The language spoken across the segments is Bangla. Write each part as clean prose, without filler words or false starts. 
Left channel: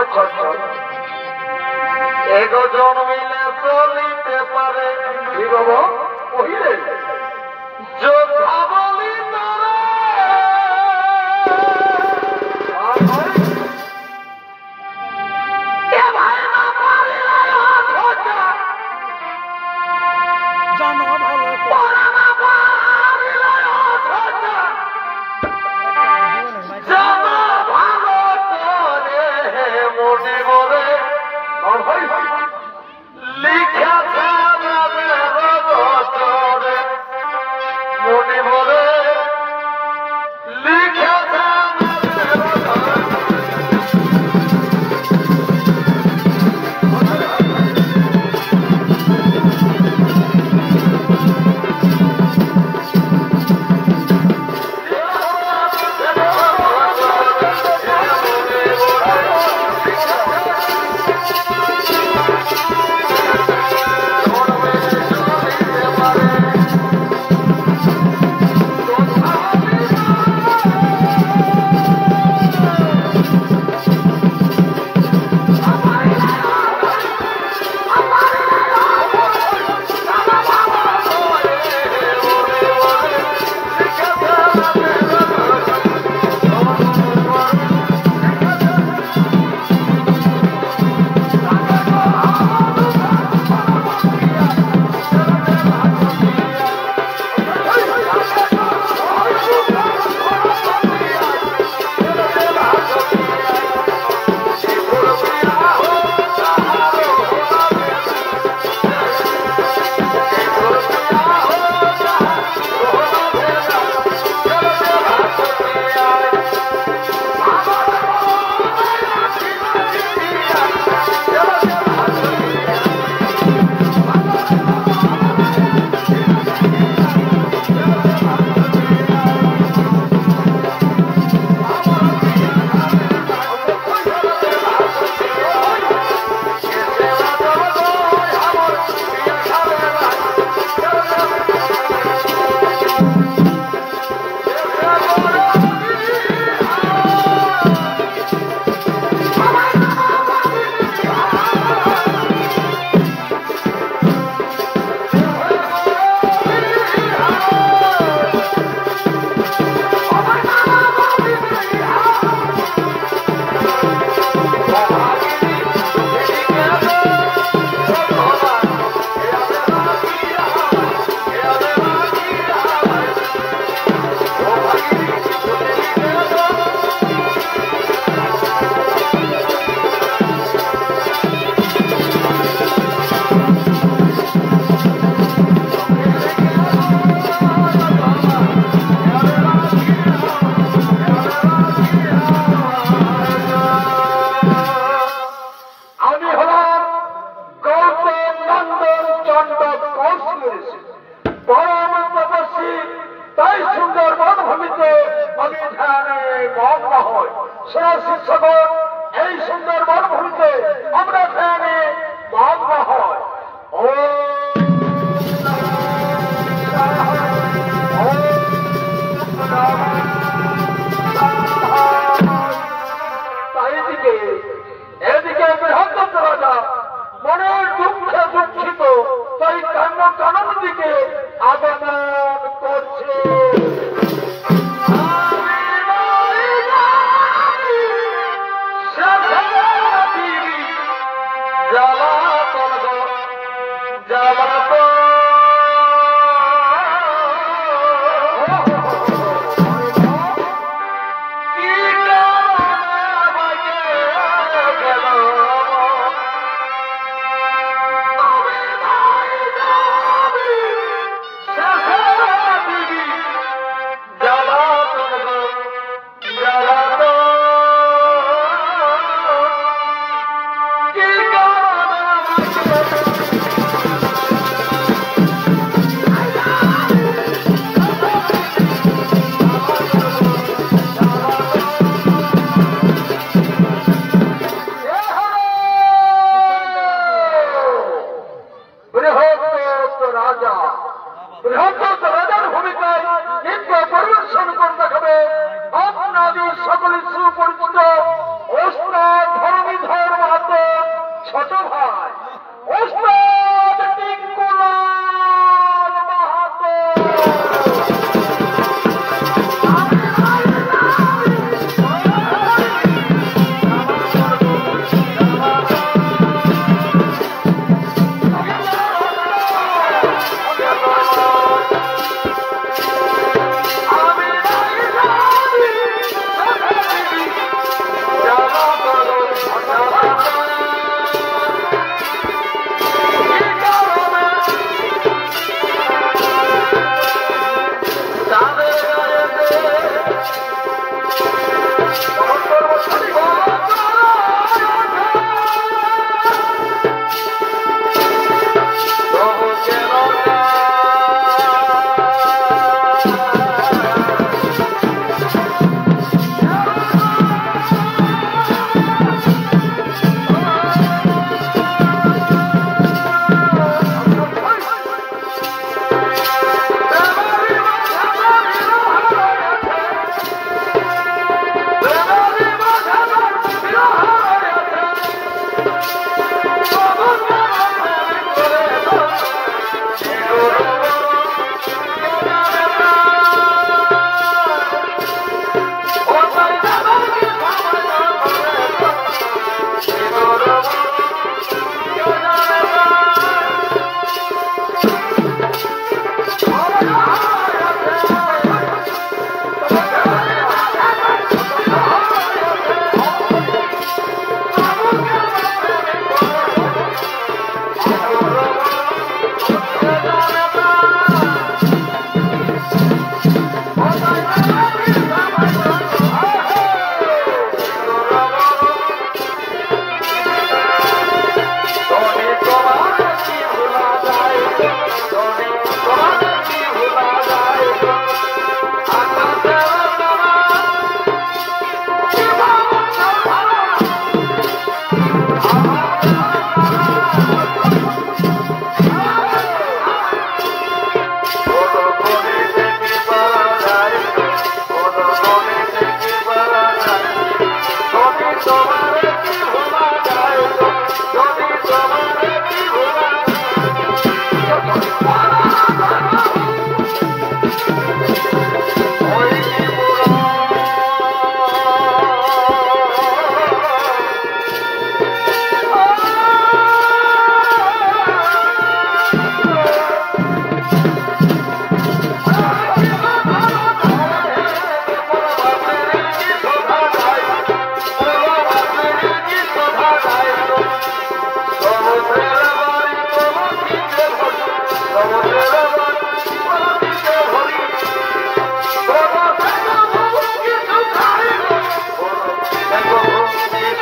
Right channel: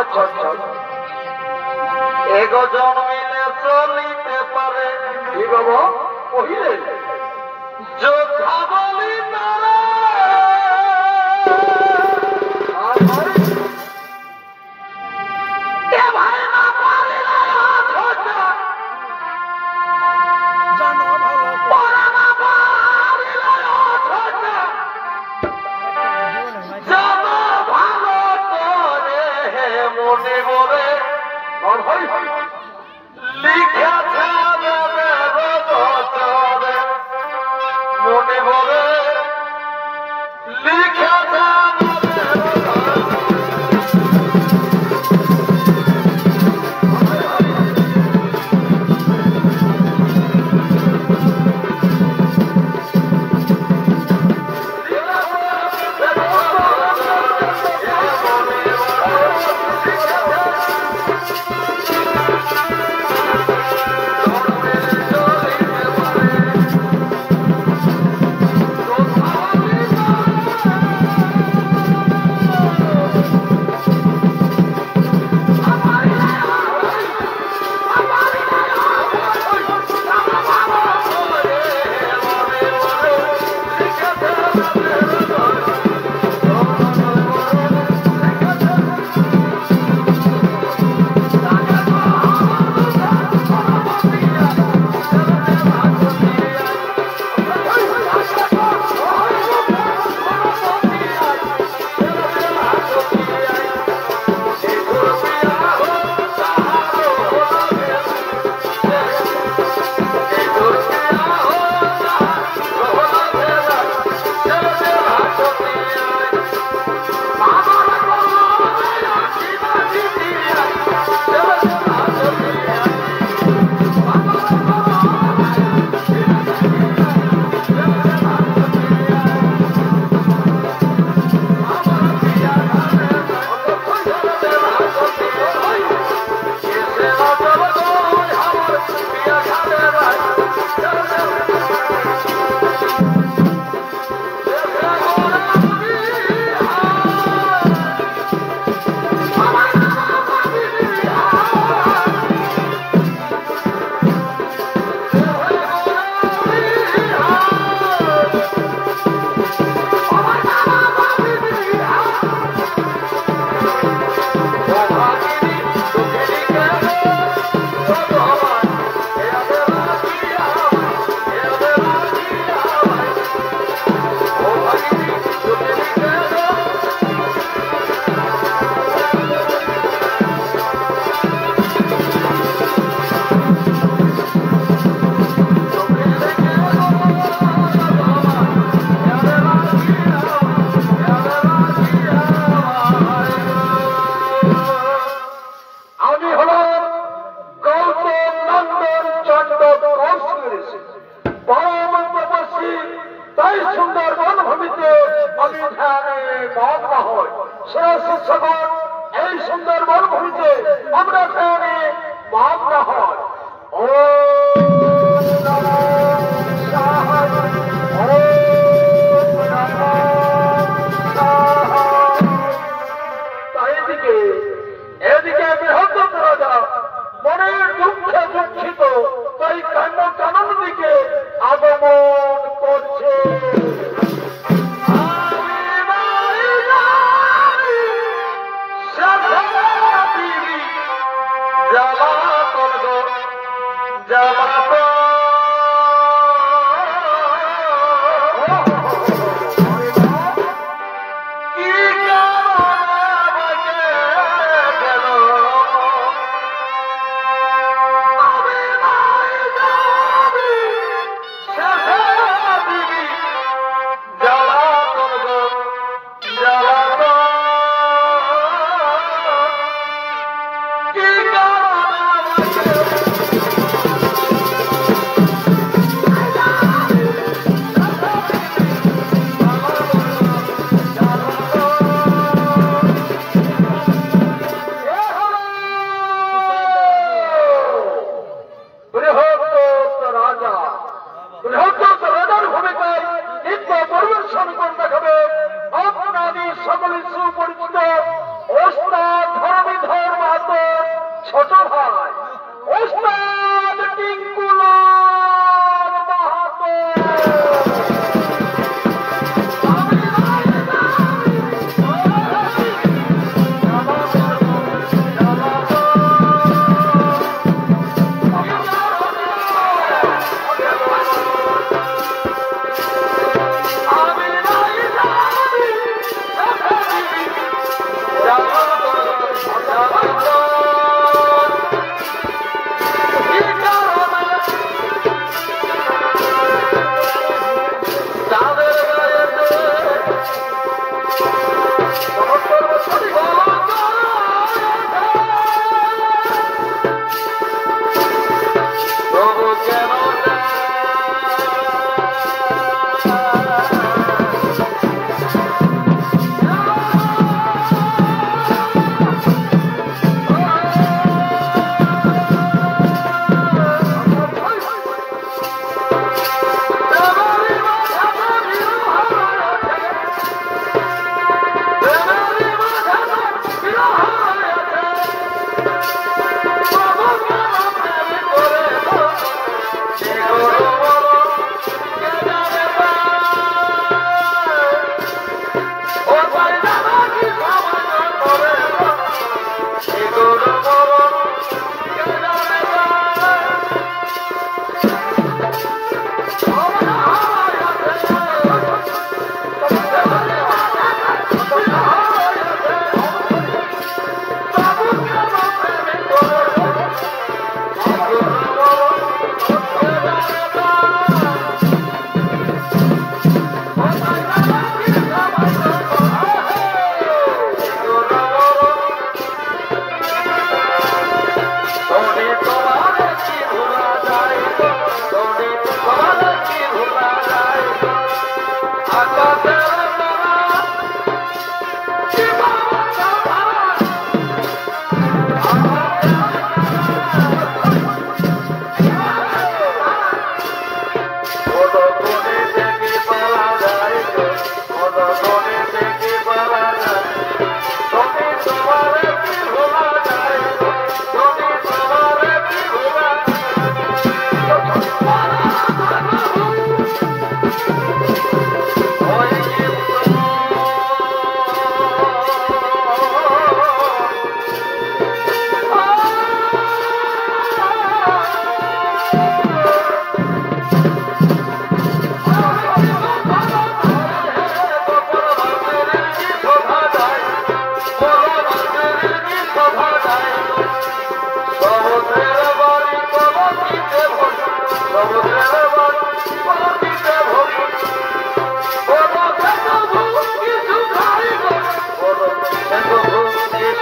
আচ্ছা আচ্ছা এগো জন্মিলে চলিতে পারে কি বাবা কহিলে যোদ্ধা বলি তারা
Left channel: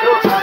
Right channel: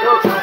Oh,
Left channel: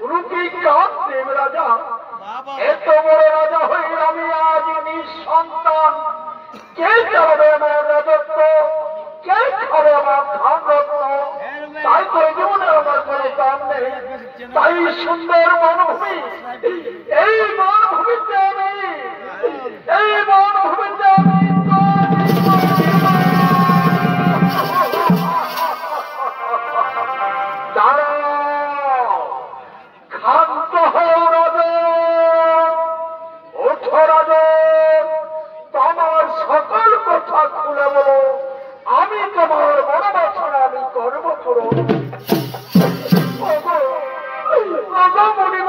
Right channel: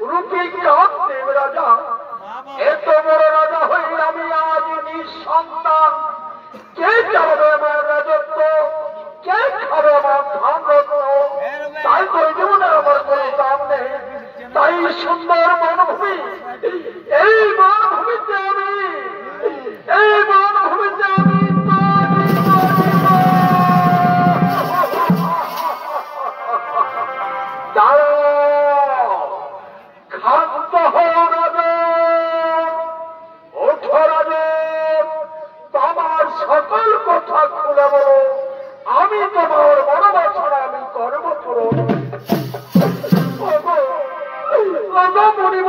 রূপী কান্তিব রাজা, এত বড় রাজা হইল আমি আজ নিঃসন্তান। কে চালাবে আমার রাজত্ব, কে খাবে আমার ধান রত্ন? তাই তো জীবনের আমার কোনো দাম নেই। তাই সুন্দর বনভূমি, এই বনভূমিতে আমি, এই বনভূমিতে আমি ক্ষান্ত হয়ে রাজন, ওঠো রাজন, তোমার সকল কথা খুলে বলো। আমি তোমার বড় বাছাড়া আমি করবো করো। মনিব,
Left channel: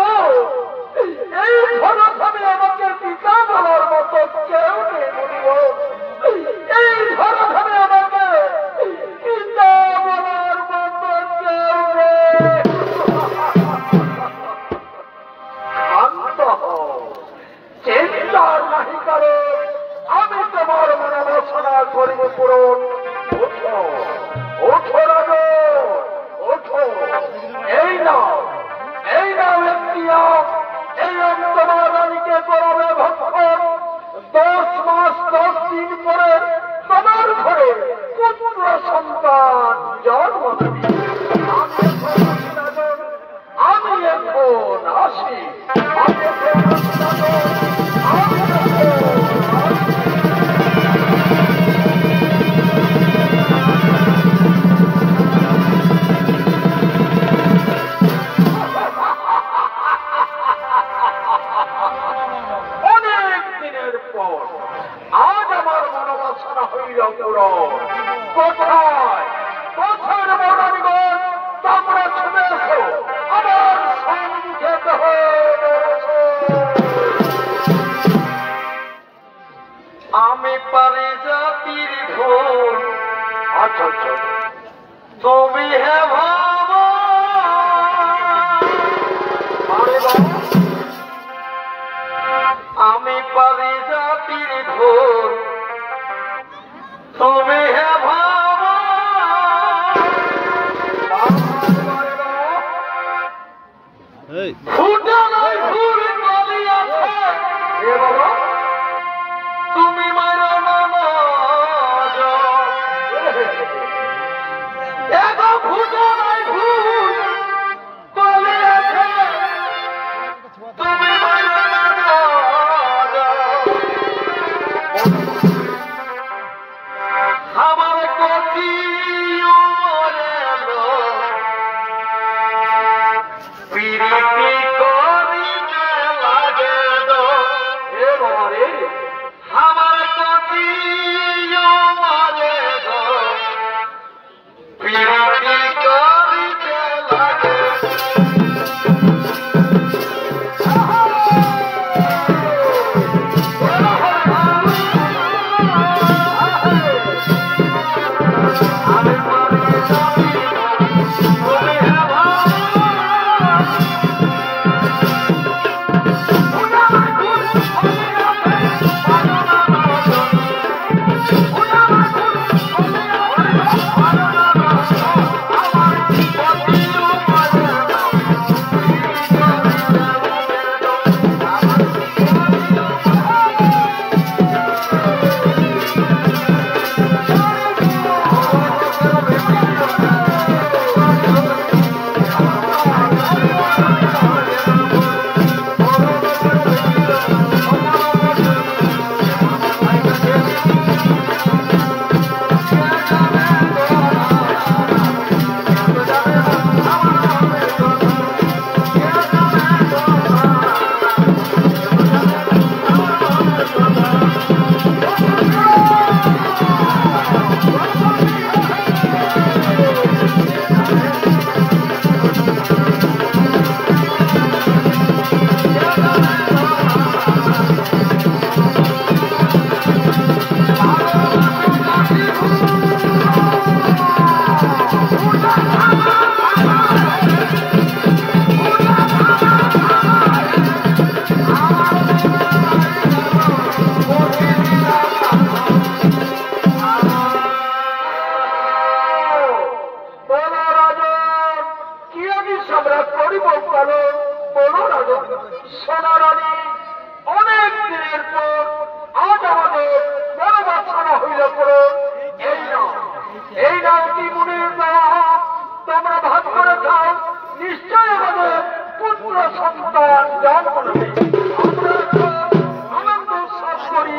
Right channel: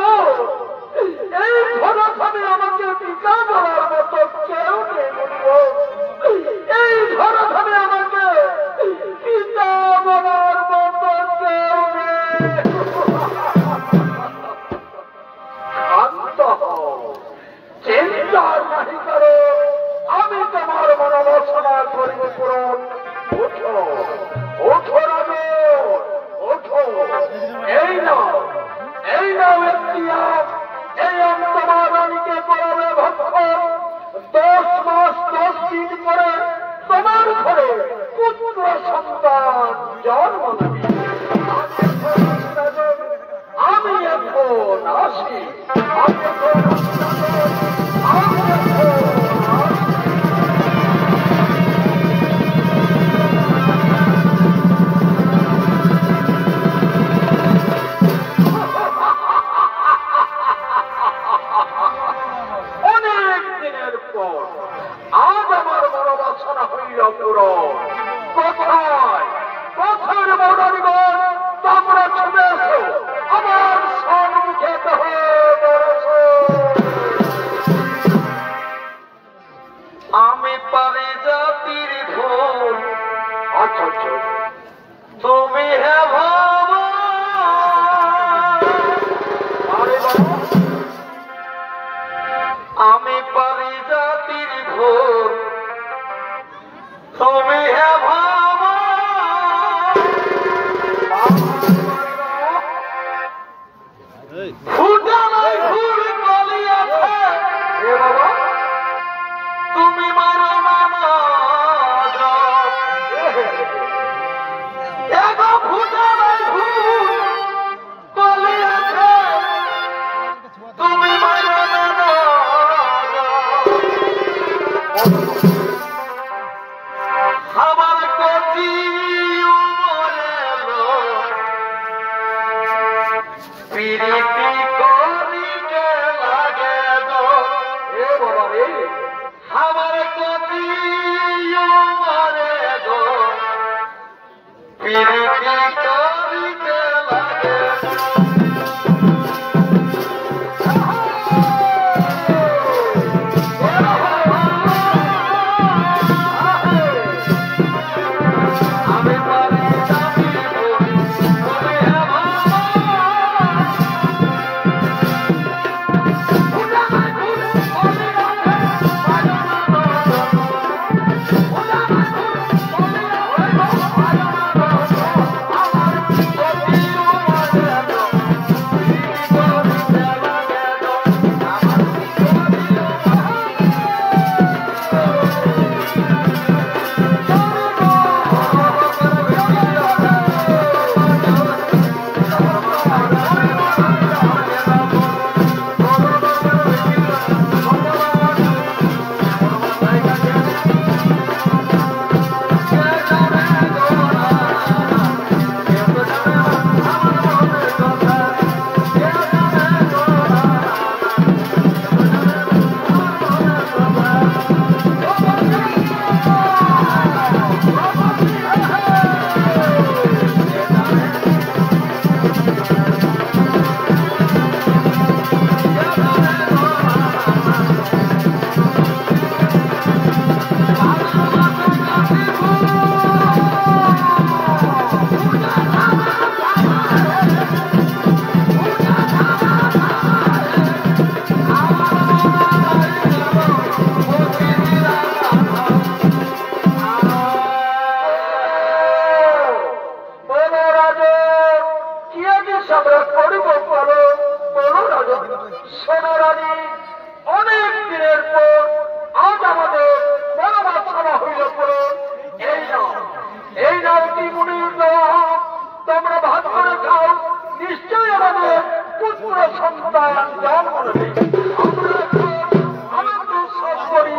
এই ঘরে আমি আমাকে পিতা বলার মতো কেউ নেই। মনিব, এই ঘরে আমি আমাকে পিতা বলার মতো কেউ নেই। শান্ত হও, চিন্তার নাহি করো, আমি তোমার মনোবাসনা করব পূরণ। ওঠো, ওঠো রাজন, ওঠো। এই নাও, এই নাও ইখতিয়ার, এই তোমার রানীকে করবে ভক্ষণ। 10 মাস 10 দিন পরে তোমার ঘরে পুত্র সন্তান জন্ম নেবে। আমি এখন আসি, আমি এখন অনেক দিনের পর আজ আমার বড় বাসনা হইল পূরণ। কোথায় পথের বর্ণানিগণ তোমরা ছুটে এসো, আমার সম্মুখে আমি পারি জাতির ফুল। আচ্ছা, তুমি হে ভাবা আমি পারি জাতির ফুল, তুমি হে ভাবা ফুটে নাই ফুল কলি আছে। তুমি মারো না ফুটে নাই ফুল কলি আছে, তুমি মারো না। আমার কচি পিরিতি করিতে লাগে দো। এ বাবা রে, আমার কচি মরে গো, পিরিতি করিতে লাগে। সোনারানী অনেক দিনের পর আজ আমাদের বড় বাচ্চারা হইল পড়ো এই নাও মুনির দেওয়া তোমরা ভাগ করে খাও নিশ্চয় আমাদের পুত্র সন্তান জন্ম নেবে আমরা আনন্দ উৎসব করি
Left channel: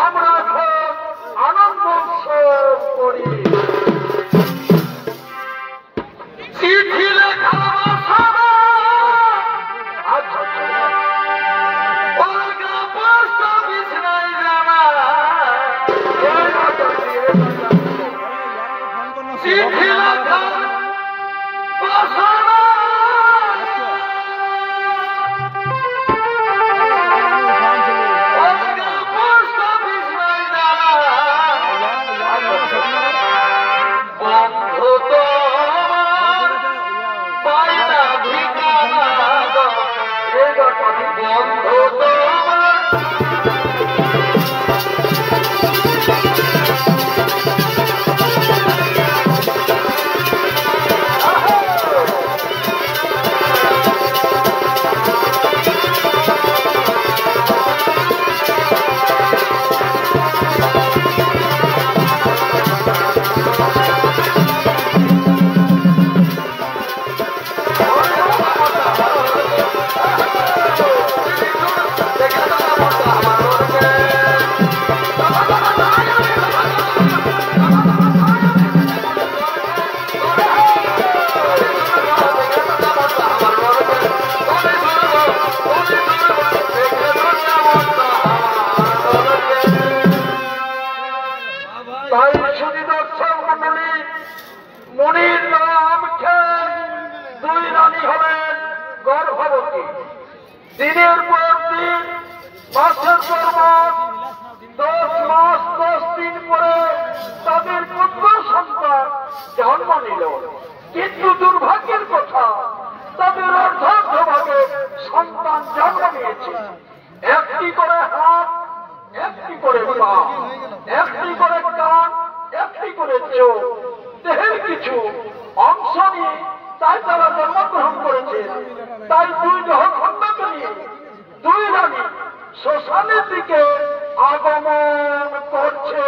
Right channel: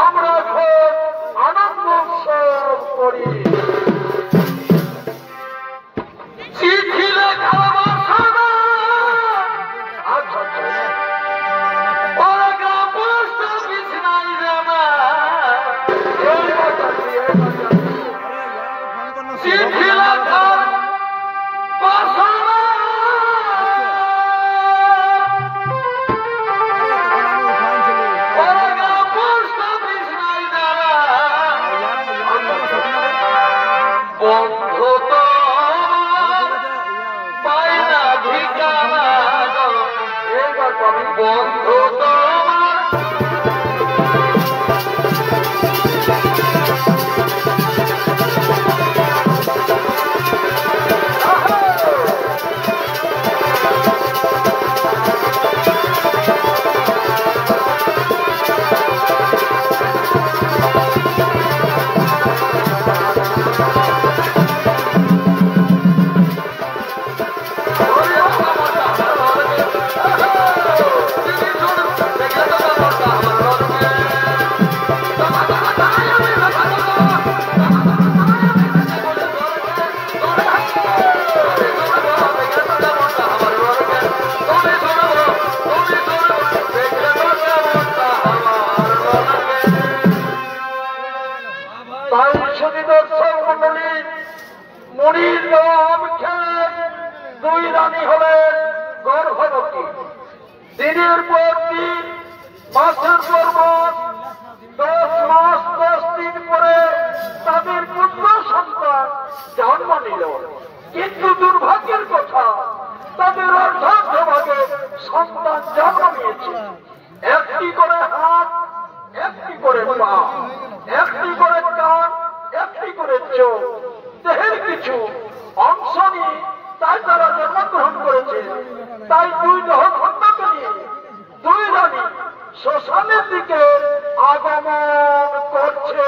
আমরা আনন্দ উৎসব করি চিঠি লেখা বন্ধু তো পায়না ঠিকানা বন্ধু তো মুনির নাম খেয়ে দুই রানী হলেন গর্ভবতী দিনের পর দিন মাসের পর মাস 10 মাস 10 দিন পরে তাদের পুত্র সন্তান জন্ম নিল কিন্তু দুর্ভাগ্যের কথা তাদের অর্ধার্ধভাগে সন্তান জন্ম নিয়েছে একটি করে হাত একটি করে পা একটি করে কান একটি করে চোখ দেহের কিছু অংশ নিয়ে তাই তারা জন্মগ্রহণ করেছে তাই দুই দেহখণ্ডকে নিয়ে দুই রানী শ্মশানের দিকে আগমন করছে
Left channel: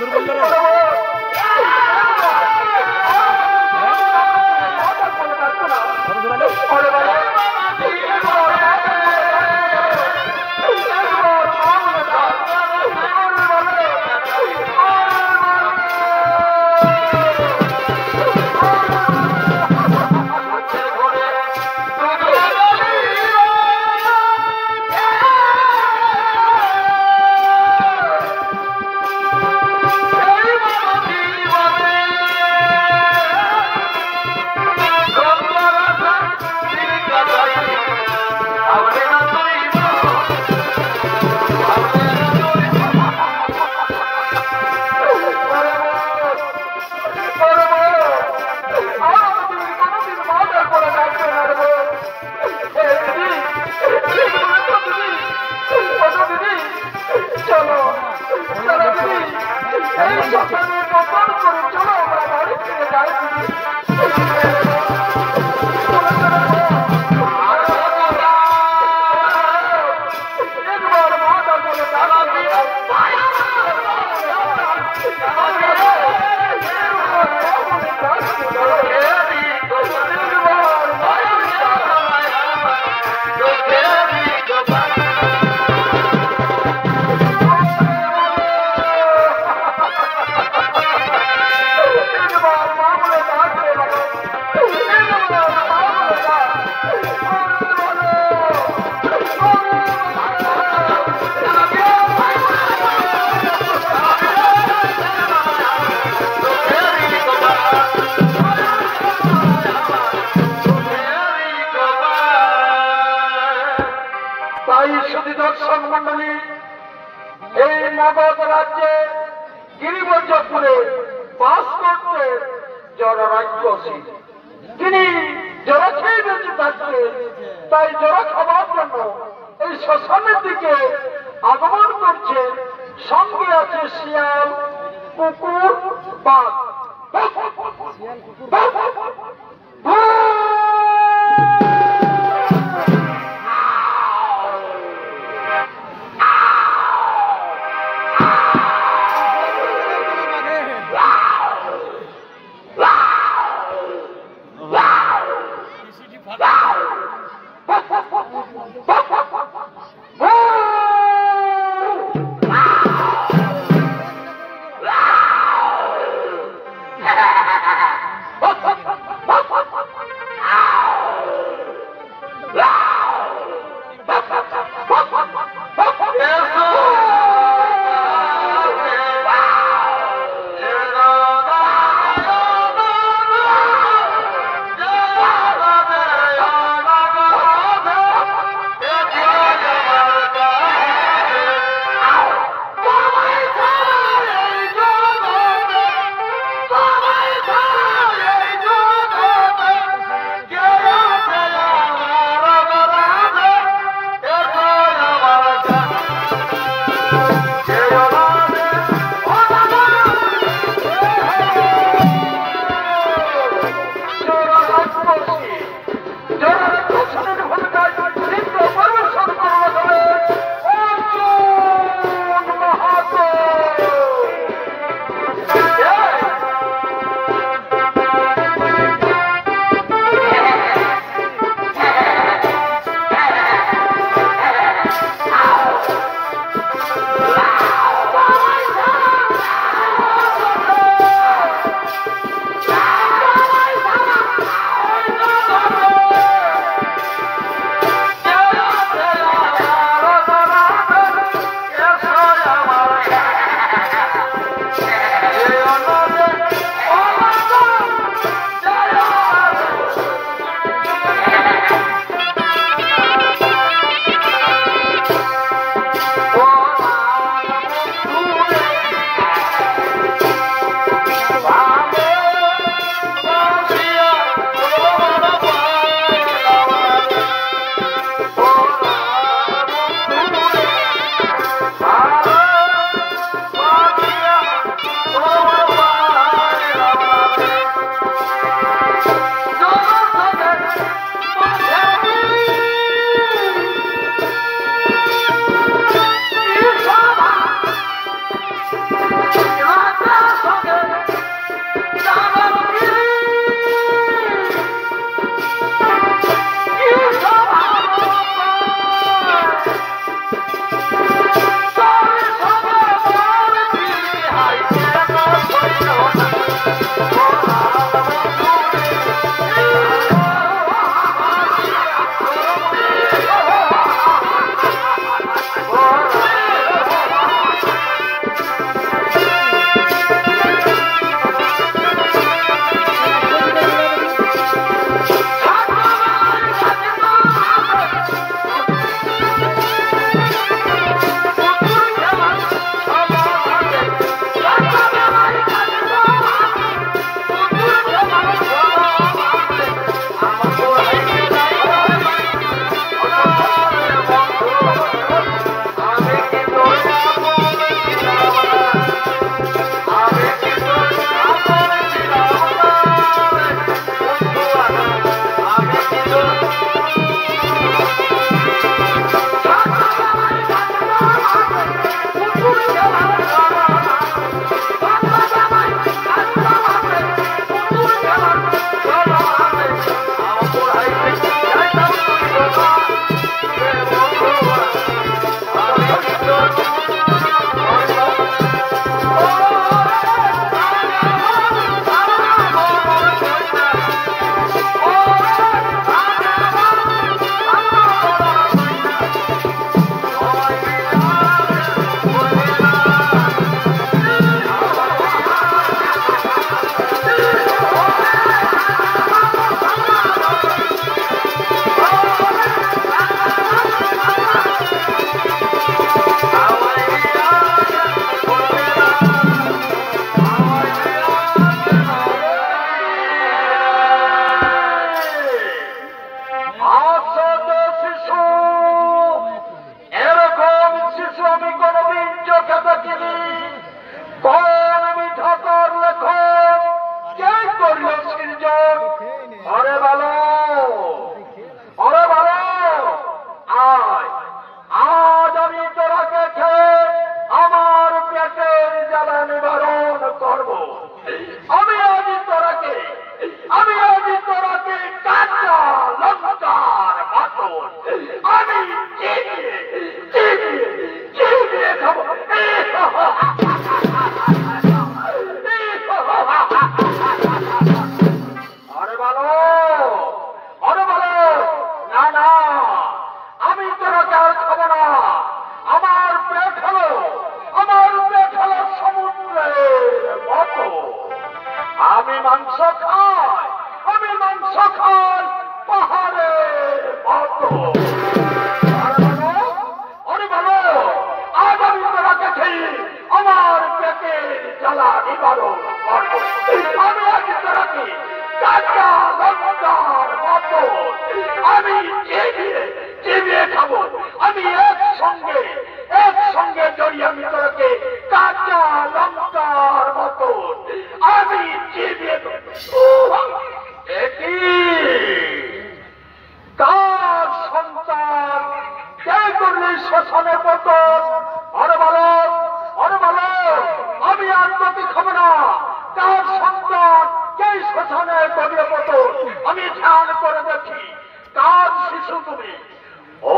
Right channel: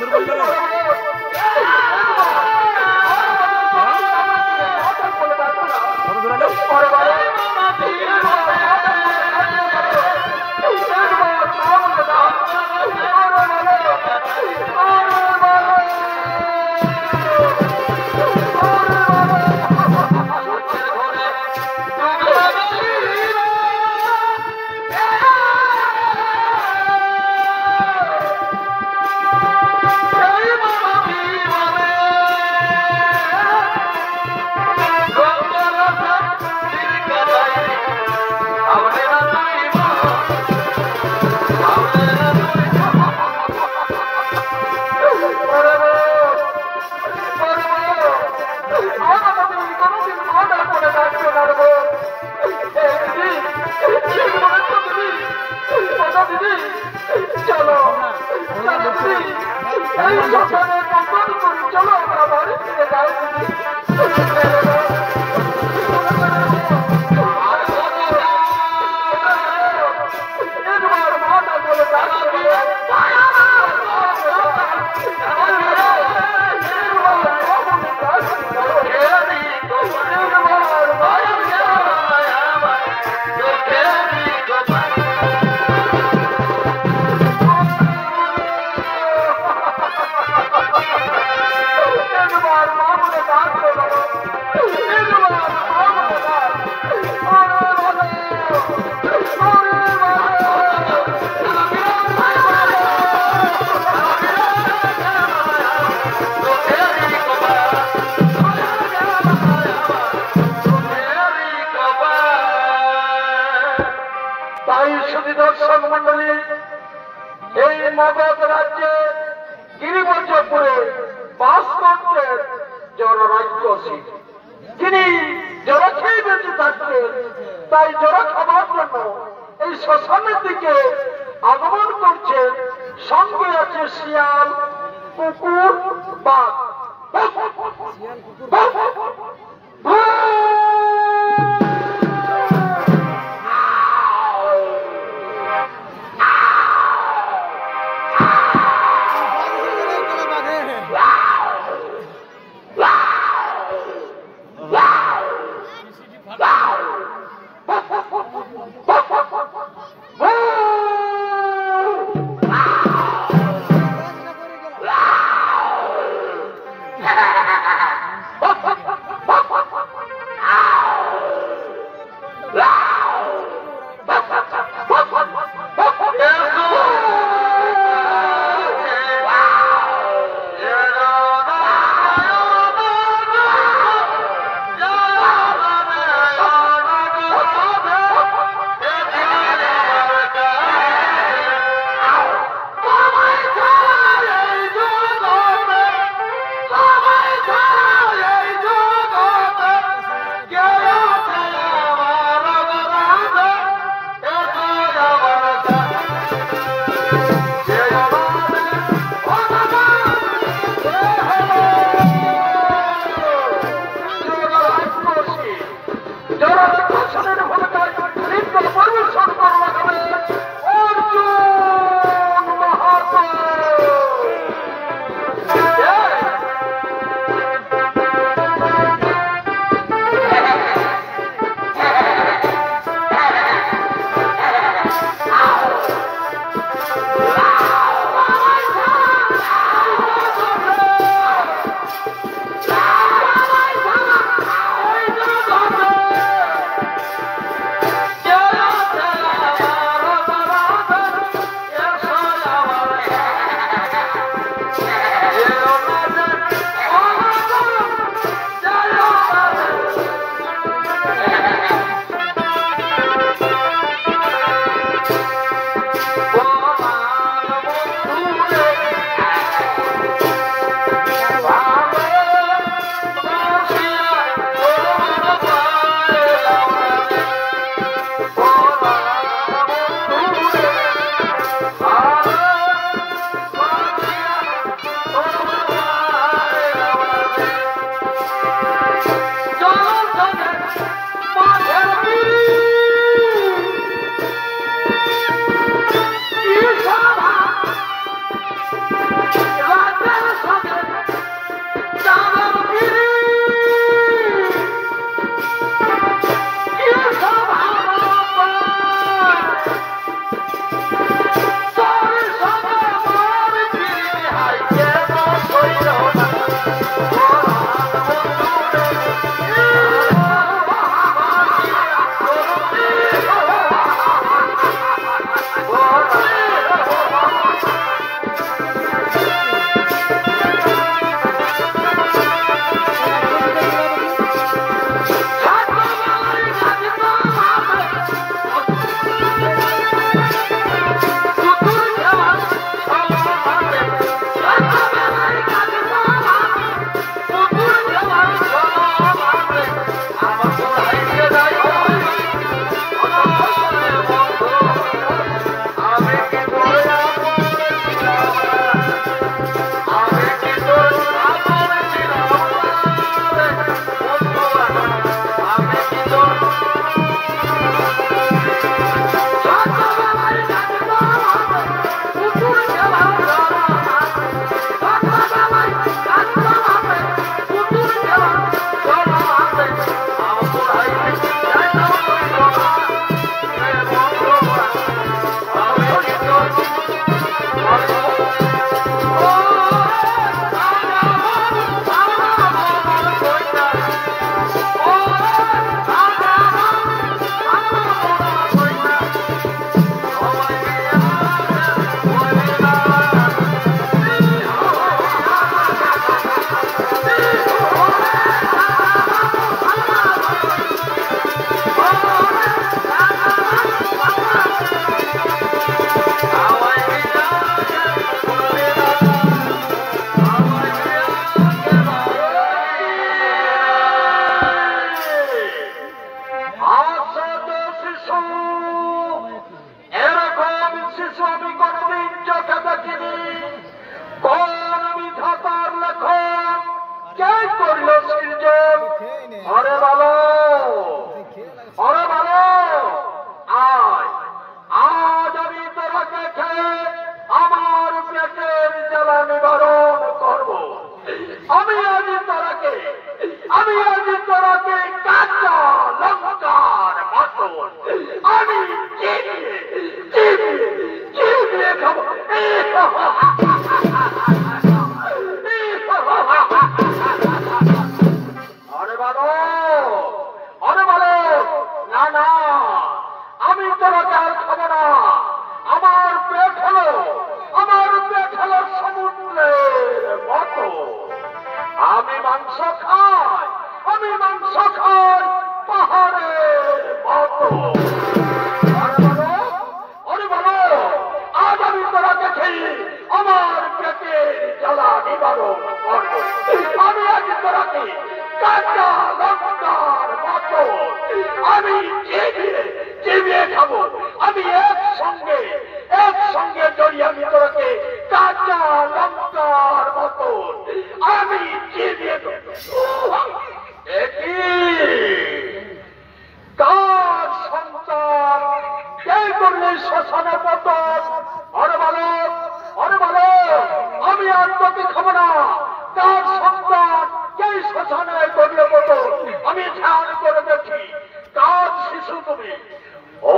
দুর্বল রে কত দূর আলো চলো আমরা বাড়ি ফিরে যাই দর্শক মন্ডলী এই মগধ রাজ্যে গিরিবর্জপুরে বাস করতেন জনরাজ্যসী। তিনি জোড়া খেয়ে বেঁচে থাকতেন, তাই জোড়া খাবার জন্য এই শ্মশানের দিকে আগমন করছেন। সঙ্গে আছে শিয়াল, কুকুর, বাঘ। মাংস খাই, আমি মাংস খাই পাহাড়ের মতো। আরে বলো, আজ আমি তোরা দেখি আমার পেটে জ্বালা নিবারণ করবো। আমি আজ তোরাকে কাঁচা লঙ্কার মতো আমি চিবিয়ে খাবো। আমি একসঙ্গে জড়িয়ে আমি তোরাকে কাঁচা লঙ্কার মতো আমি চিবিয়ে তার সন্তান কে করলে শ্মশানে পতন। আরে বলো, আমি আর তোকে খাবো না। তার সন্তান কে শ্মশানে করলে পতন, আমি ধ্যান করে দেখি কার শিশু তুমি। ও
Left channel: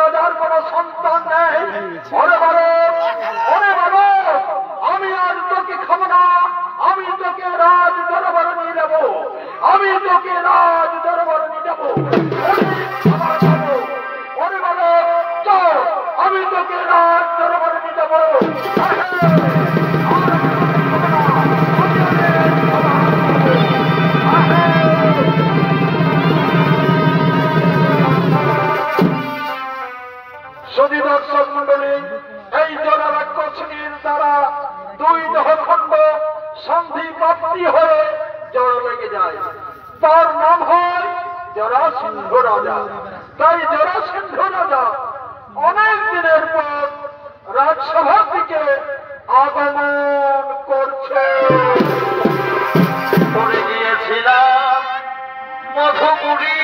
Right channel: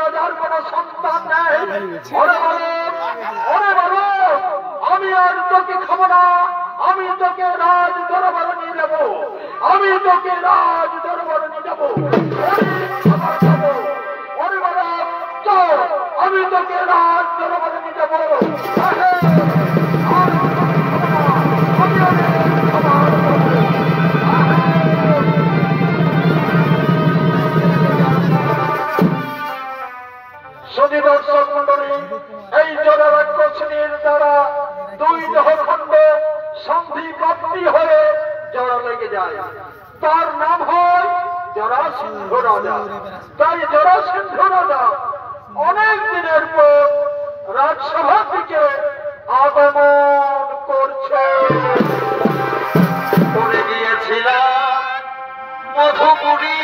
রাজার কোন সন্তান নেই। আমি আর তোকে খাবো না। আমি তোকে রাজ দরবারে নিয়ে যাবো। আমি তোকে রাজ দরবারে নিয়ে যাবো। আমি তোকে রাজ দরবারে নিয়ে যাবো। যদি দর্শক মন্ডলী, এই জোড়া রাক্ষসীর দ্বারা দুই দেহখণ্ড সন্ধি প্রাপ্তি হয়ে জড়া লেগে যায়, তার নাম হয় জরাসিংহ রাজা। তাই জরাসিংহ রাজা অনেক দিনের পর রাজসভা থেকে আগমন করছে। পড়ে গিয়েছিলাম মধুপুরী,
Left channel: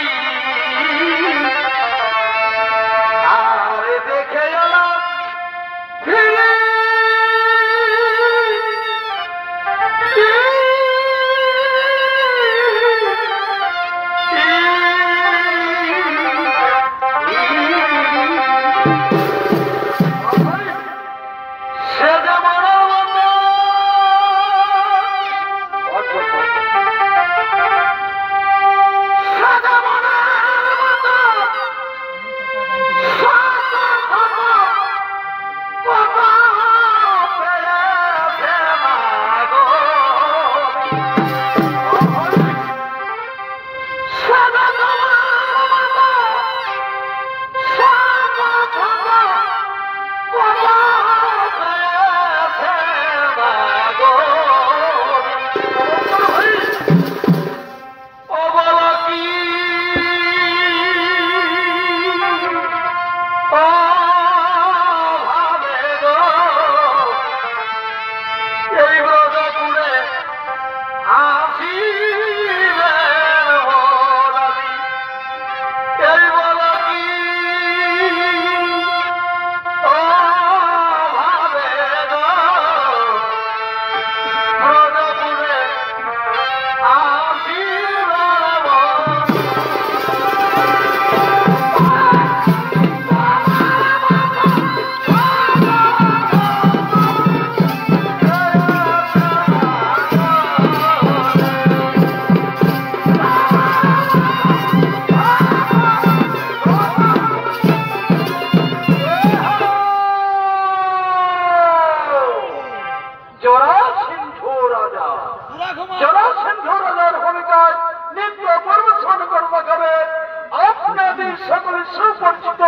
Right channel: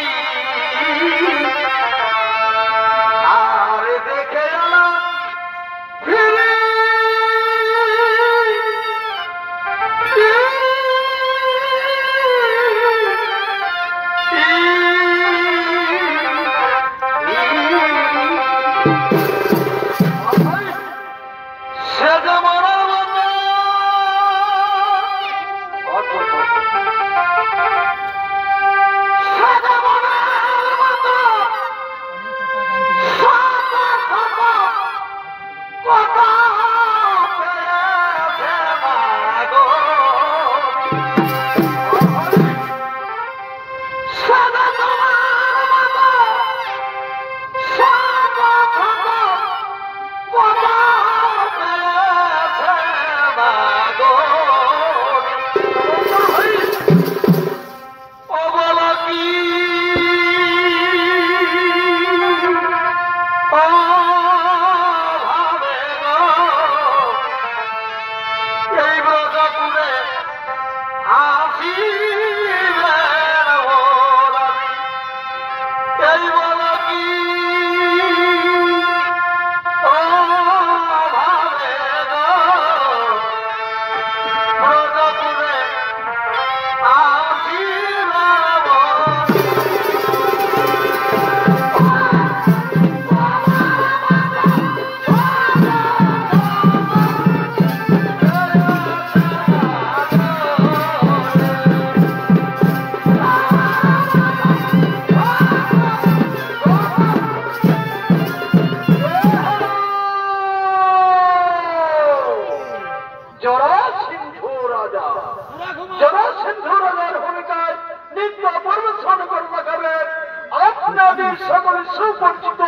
আপনাদের সকল সুপরিচিত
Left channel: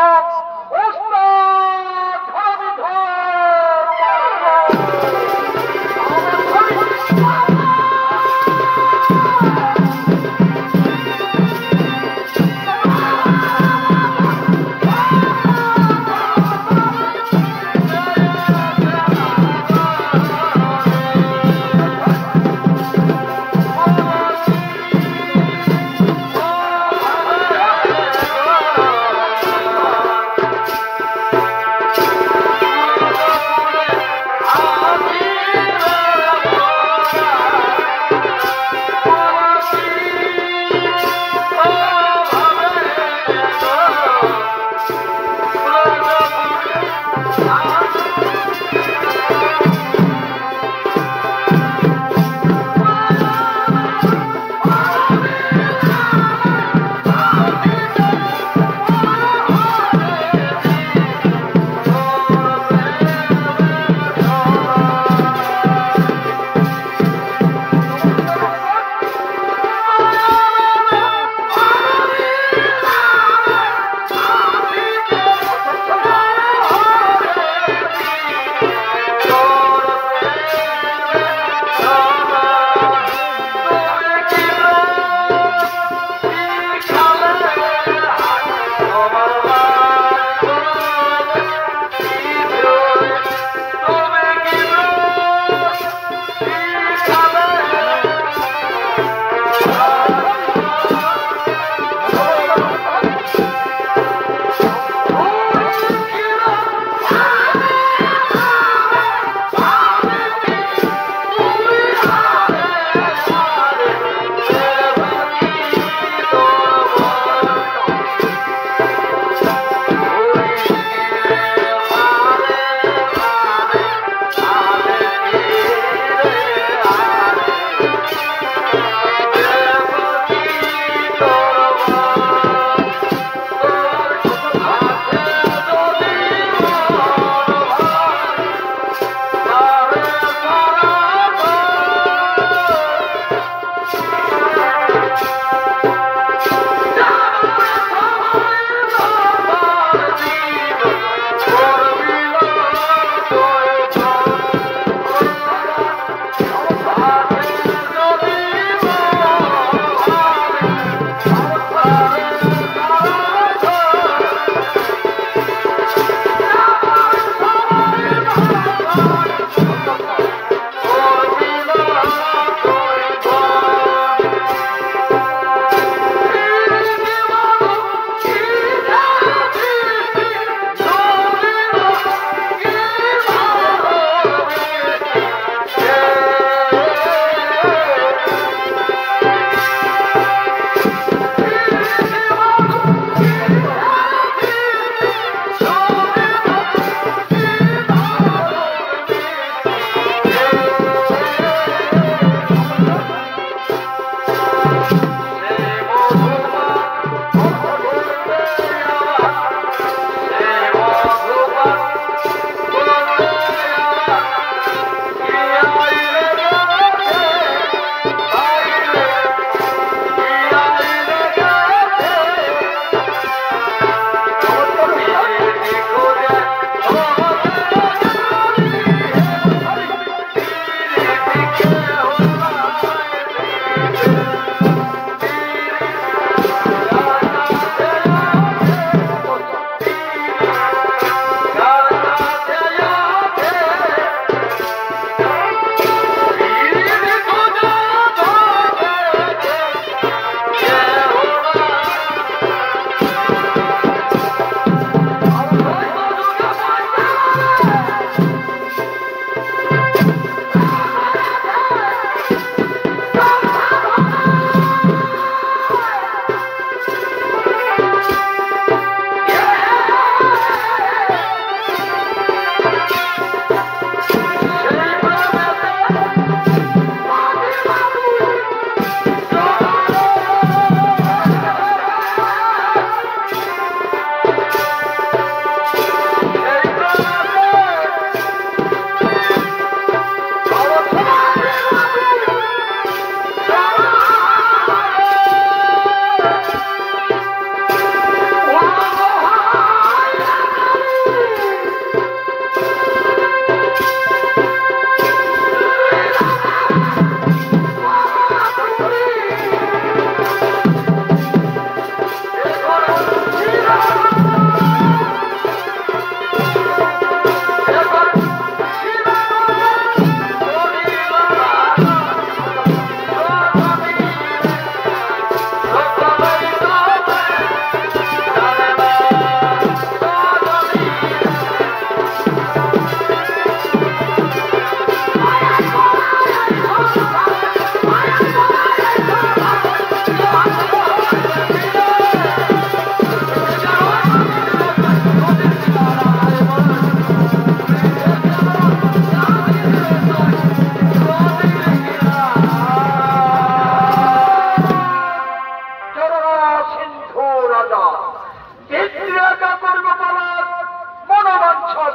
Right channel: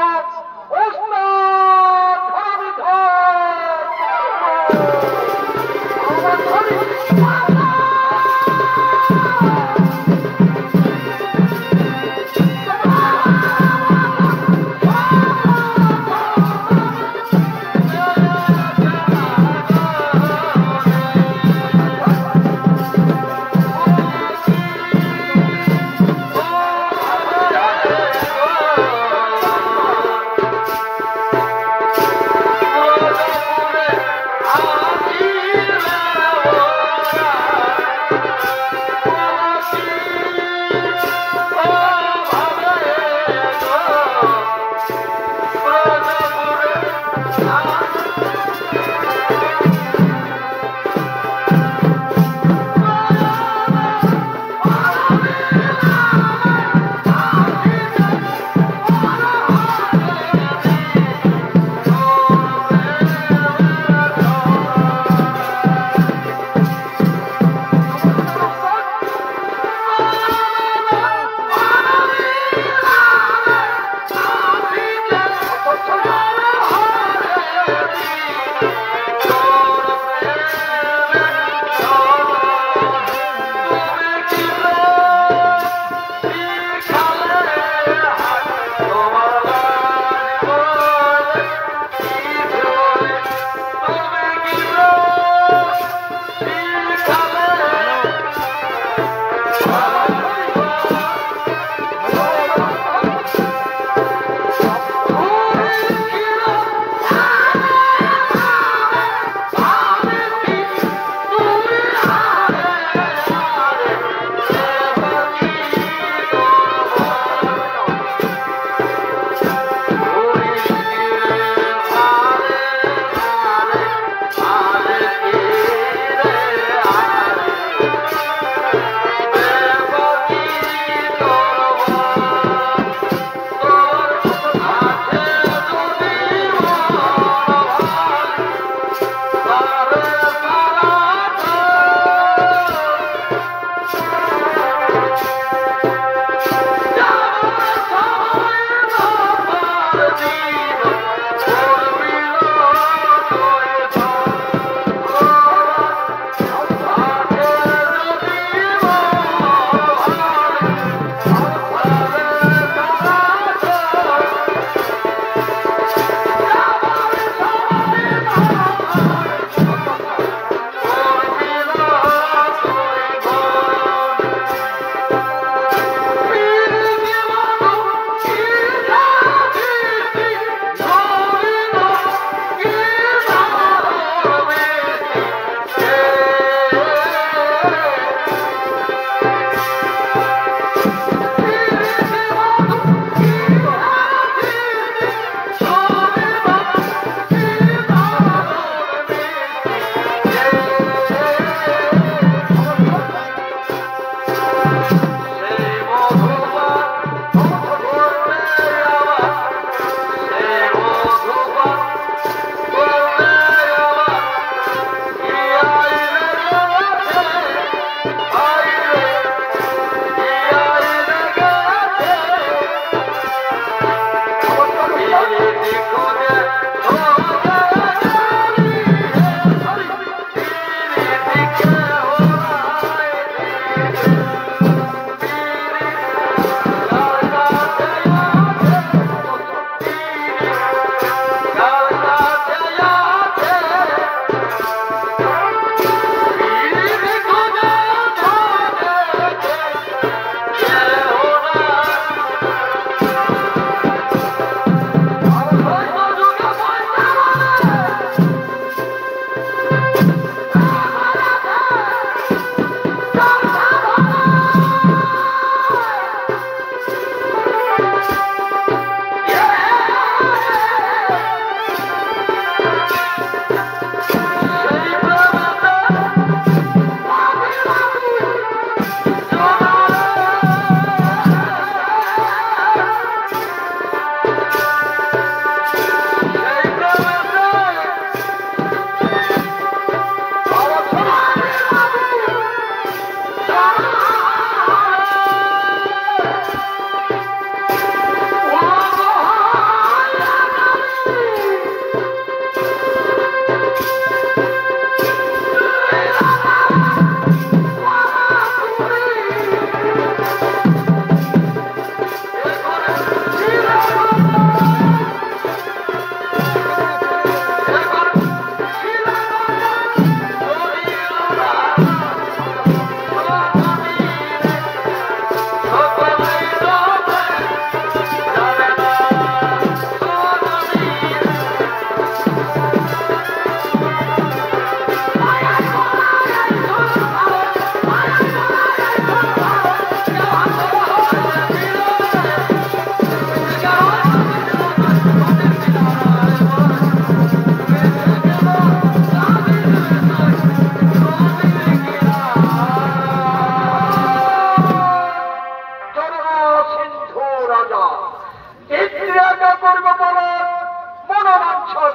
ওস্তাদ ধরণীধর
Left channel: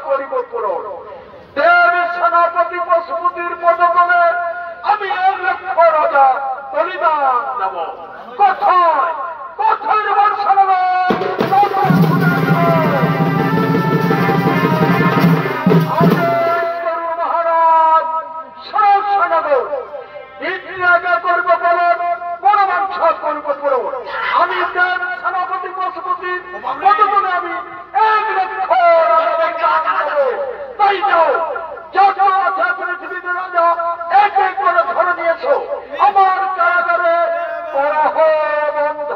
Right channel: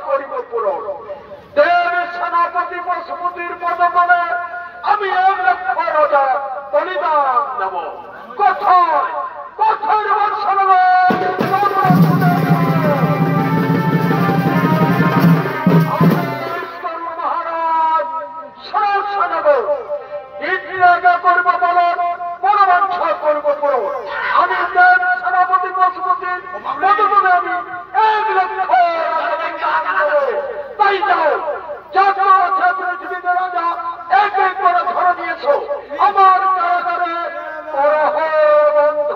করিব পূরণ। দেবী সেনাপতি পশুপতির পদতলে আমি 1 লক্ষ রাজা বলিদান দেব। কোথায় কোথায় আমার শোনাবে মহারাজ শোনাবো। ইন্দ্রাজা করব বলন, পরমাংসা করব পূরণ। আমি দেব সেনাপতি পশুপতির পদতলে আমি 1 লক্ষ রাজা দেব। তাই যাও, যত আছে পৃথিবীতে রাজা এক এক করে ধরে নিয়েছো আমার কারাগারে ওরা বন্ধ।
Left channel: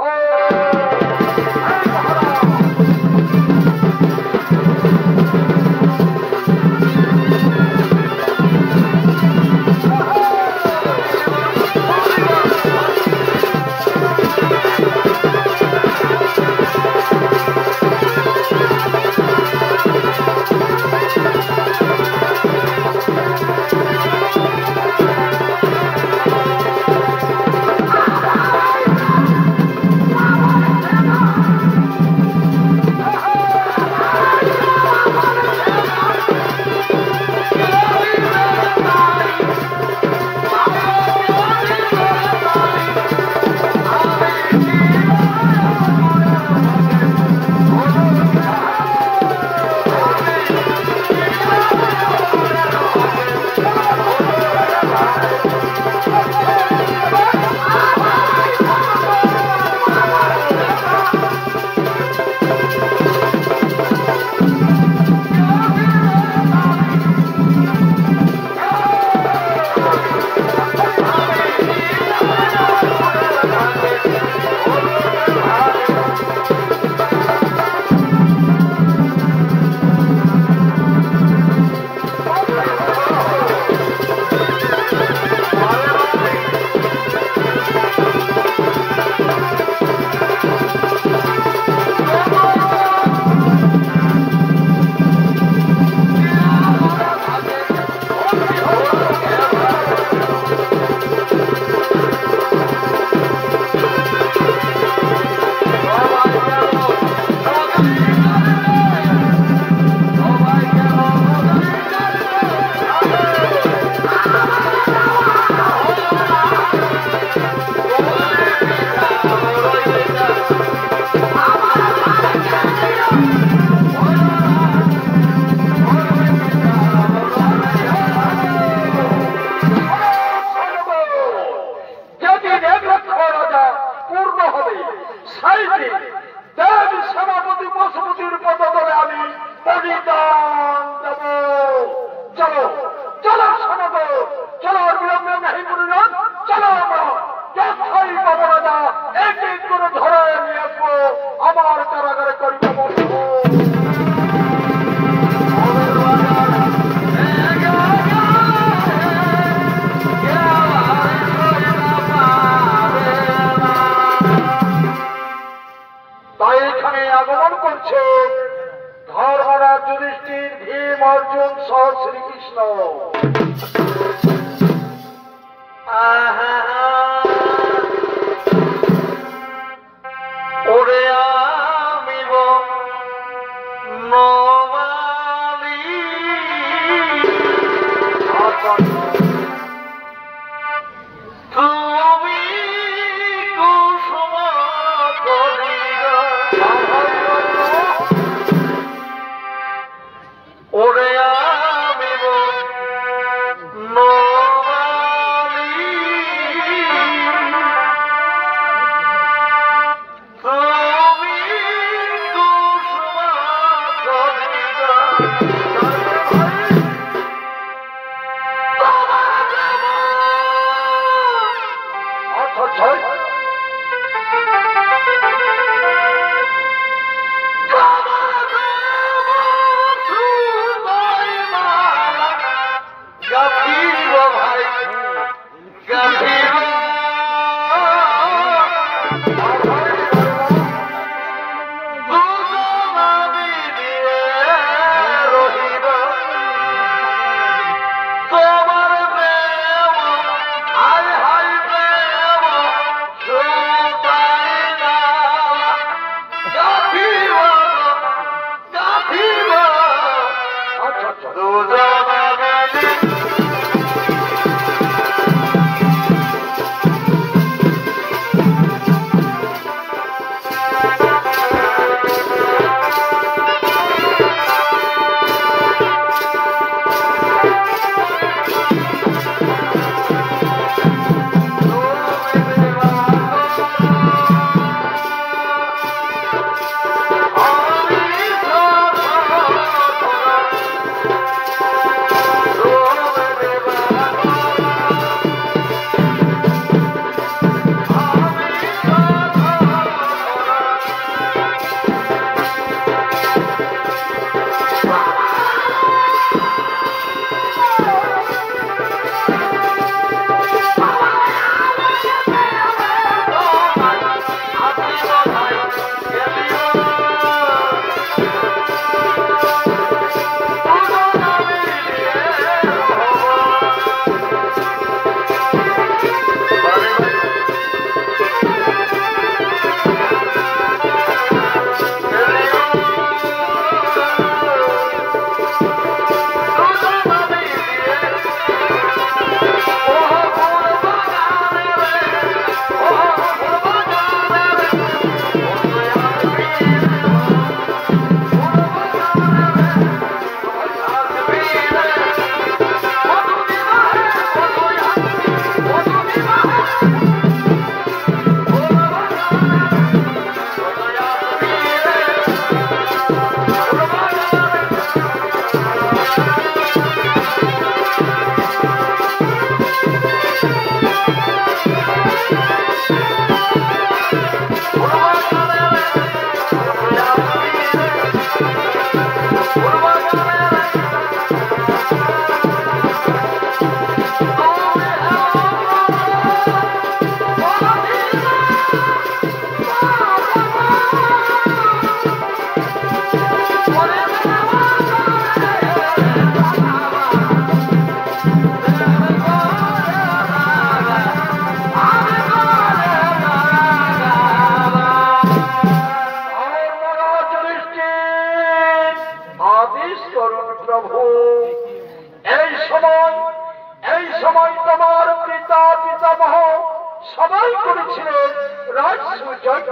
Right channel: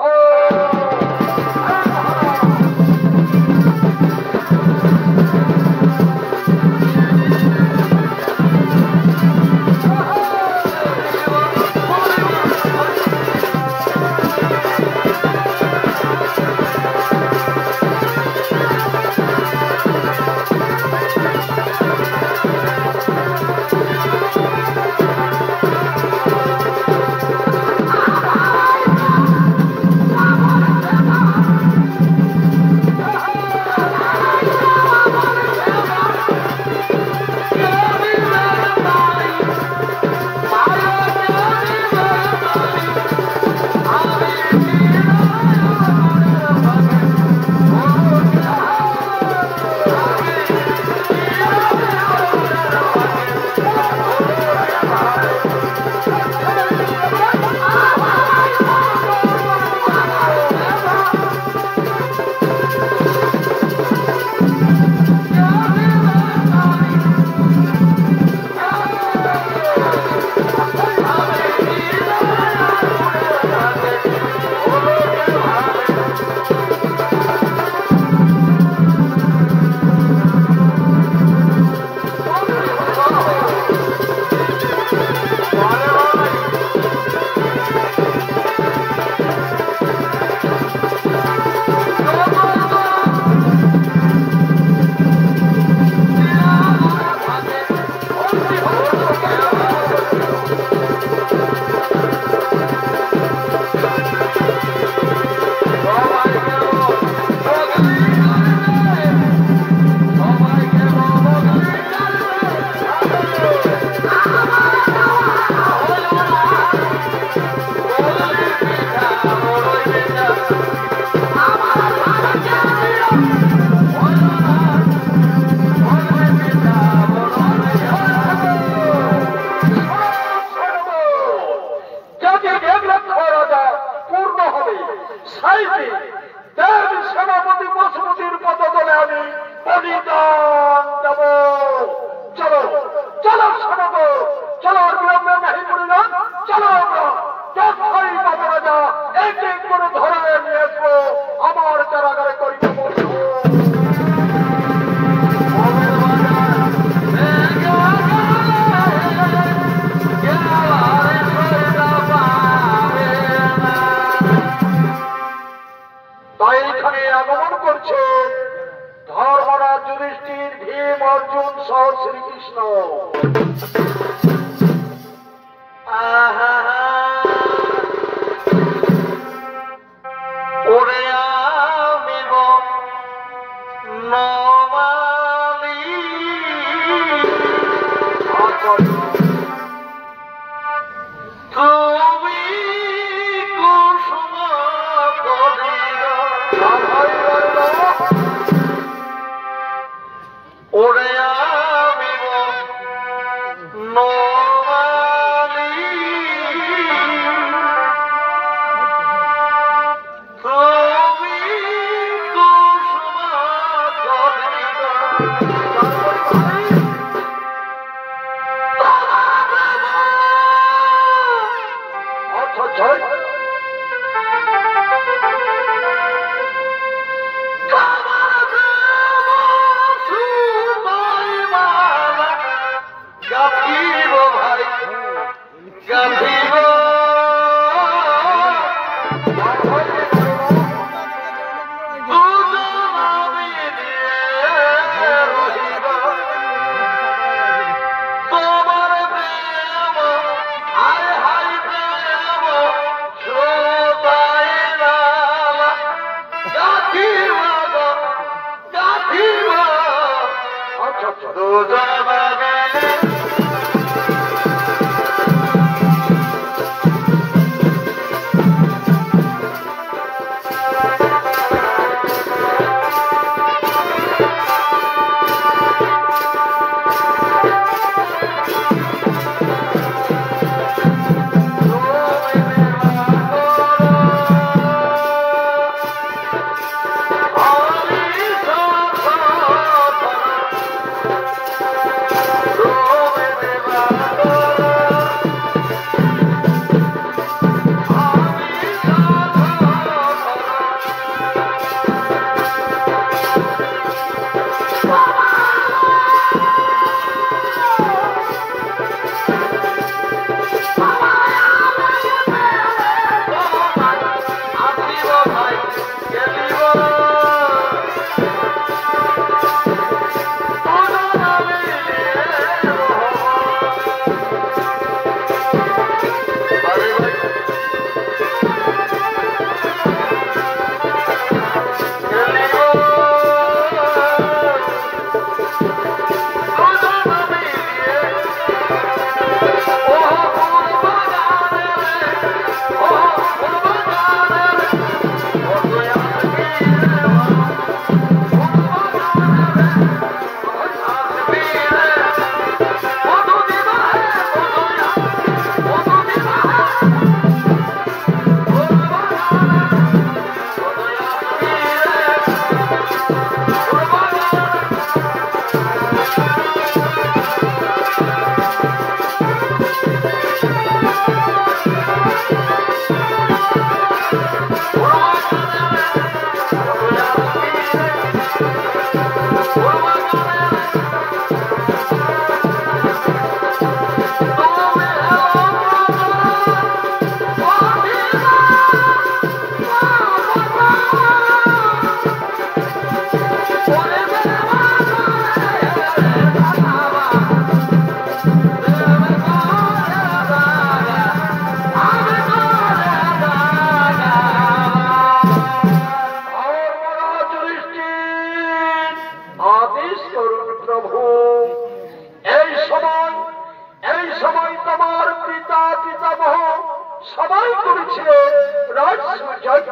সবাই করেছিলেন রাজসুযজ্ঞ,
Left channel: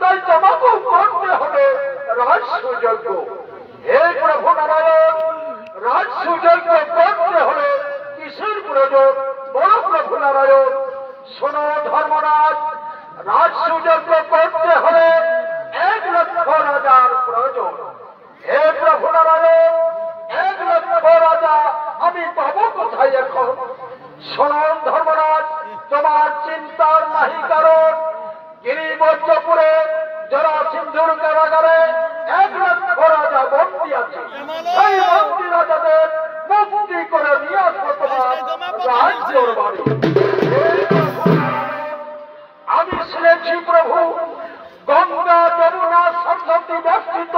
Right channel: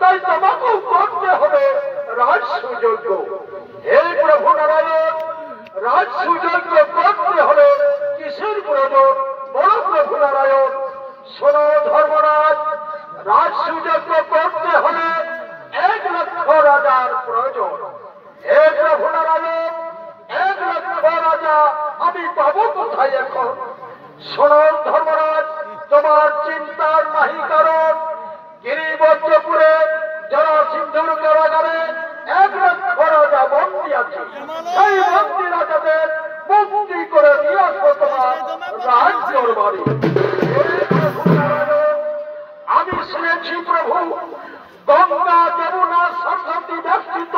তাই তোমাকেও করতে হবে রাজসুযজ্ঞ। হে প্রভু নারায়ণ, রাজসুযজ্ঞ করতে হলে কিসের প্রয়োজন? বড় প্রভু নারায়ণ, শোনো ধর্মরাজ, রাজসুযজ্ঞ করতে হলে 1 লক্ষ রাজার প্রয়োজন। হে প্রভু নারায়ণ, 1 লক্ষ রাজা আমি পাবো কোথায় এখন? শোনো ধর্মরাজ, তোমার চিন্তার নাহি কারণ। গিরিবজ্রপুরে যারা সিন্ধুর কারাগারে 1 লক্ষ রাজা বন্দী আছে, সেই বন্দী রাজাদের মুক্তি করে নিয়ে আসবো তোমার রাজ্যের বাড়ি। আমি শুনেছি প্রভু, গঙ্গা যমুনা সরস্বতী ব্যক্তিত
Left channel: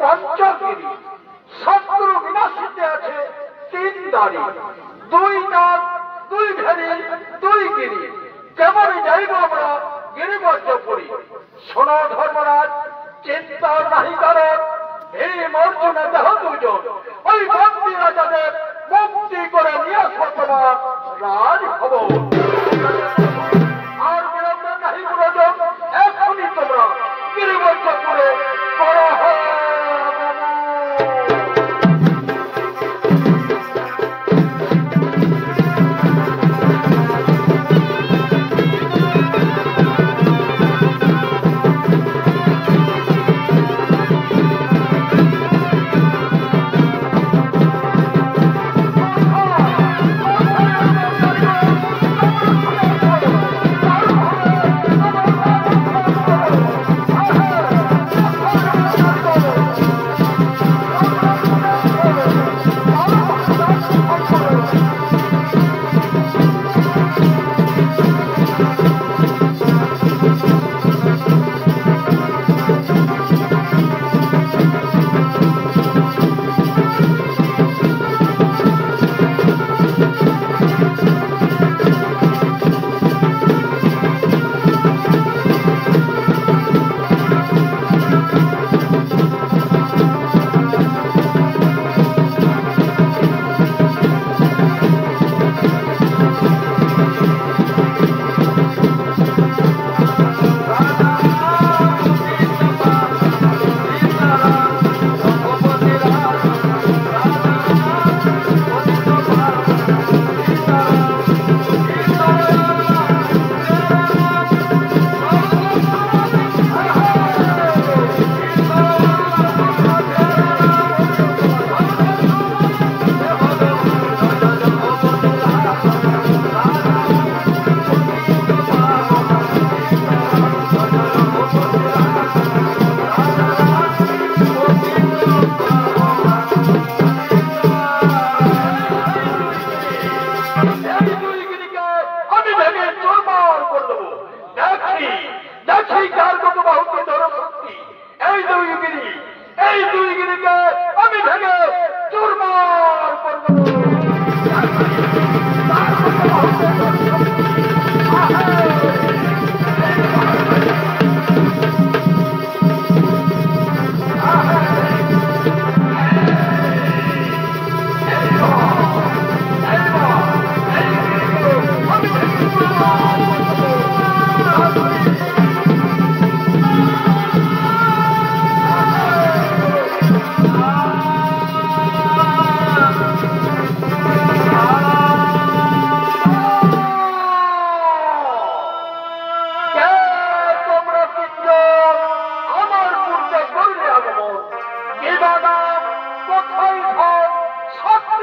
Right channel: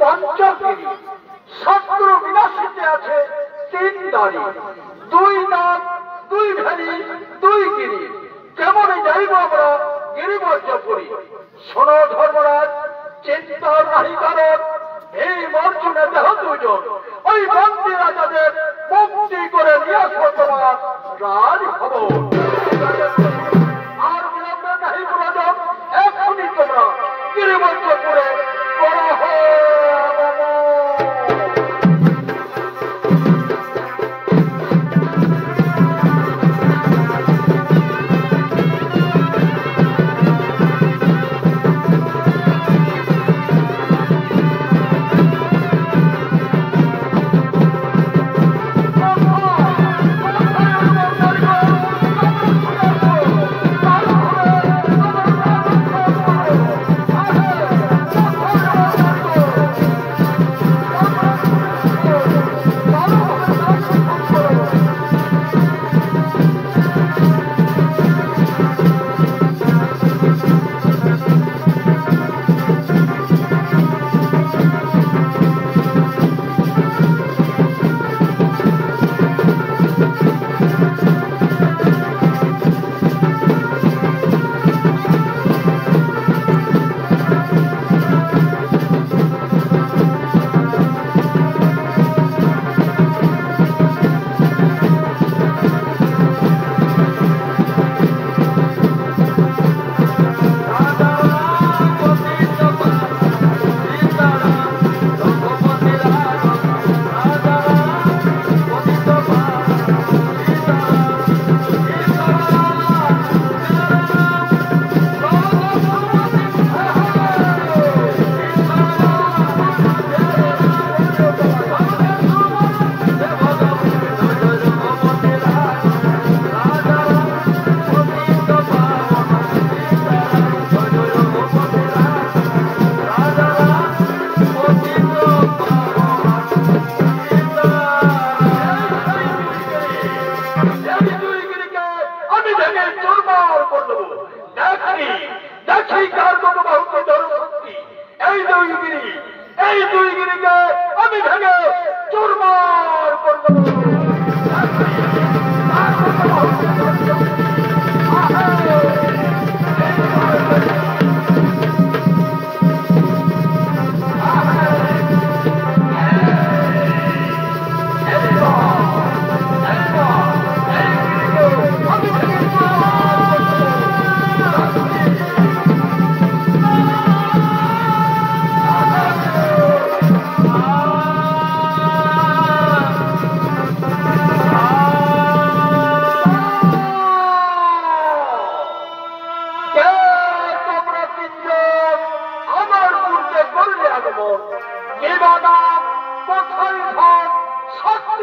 পঞ্চগিরি, শত্রু বিনাশিতে আছে 3 দাঁড়ি, 2 নাগ, 2 ভেরি, 2 গিরি। কেমনই যাইব আমরা গিরিবজ্রপুরী। শোনো ধর্মরাজ, চিন্তার নাহি কারণ। এই মর্জুনে দেহ 2 জন, ওই বন্দী রাজাদের মুক্তি করে নিয়ে আসবো তোমার রাজভবন। আর বিলম্বে নাহি প্রয়োজন, এখনই তোমরা গিরিবজ্রপুরে করা হয়।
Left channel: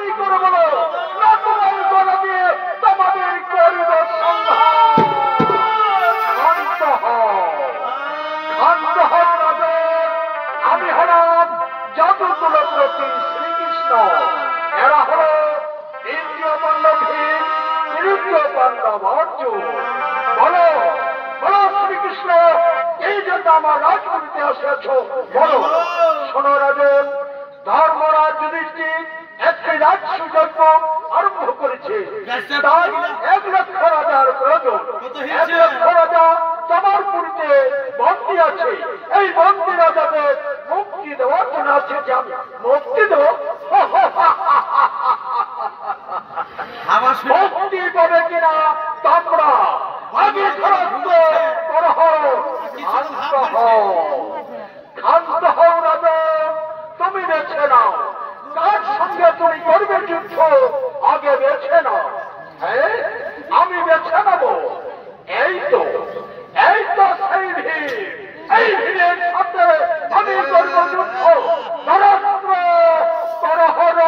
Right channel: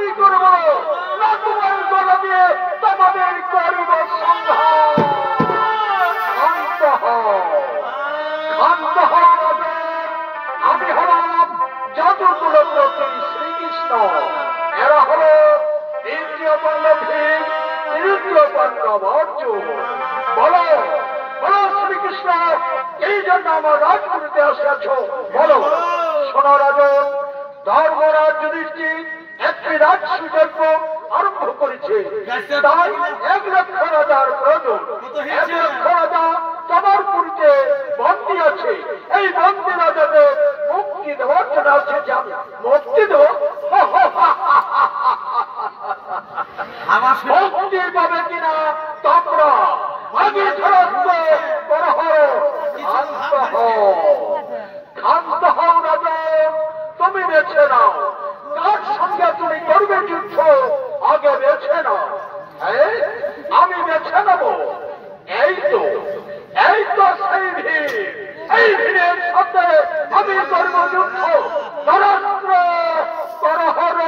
গুলি করে বলো না তোমার গলা দিয়ে তোমাদের করিব সংহার। শান্ত হও, শান্ত হও রাজা। আমি হলাম জাদুকুলপতি শ্রীকৃষ্ণ, এরা হল দ্বিতীয় পাণ্ডব ভীম, তৃতীয় পাণ্ডব অর্জুন। বলো বলো শ্রীকৃষ্ণ, এই জন্য আমার রাজপুরীতে আসিয়াছ বলো। শোনো রাজন, ধর্মরাজ যুধিষ্ঠির একটি রাজসুযজ্ঞ আরম্ভ করেছে, তাই 1 লক্ষ রাজার প্রয়োজন। 1 লক্ষ রাজা তোমার পুরীতে বন্দী আছে। এই বন্দী রাজাকে মুক্তি দেওয়ার জন্য আছে। মুক্তি দেব? মুক্তি পাবে কিনা তোমরা আগে ফেরত করহ। শান্ত হও, শান্ত হও রাজা। তুমি বেছে নাও কার সঙ্গে তুমি করবে যুদ্ধ, আগে বেছে নাও। হ্যাঁ, আমি বেছে নেব। এই তো সেই ভিড়, এই ভিড়ের সাথে আমি করব যুদ্ধ। নরেন্দ্র করহর।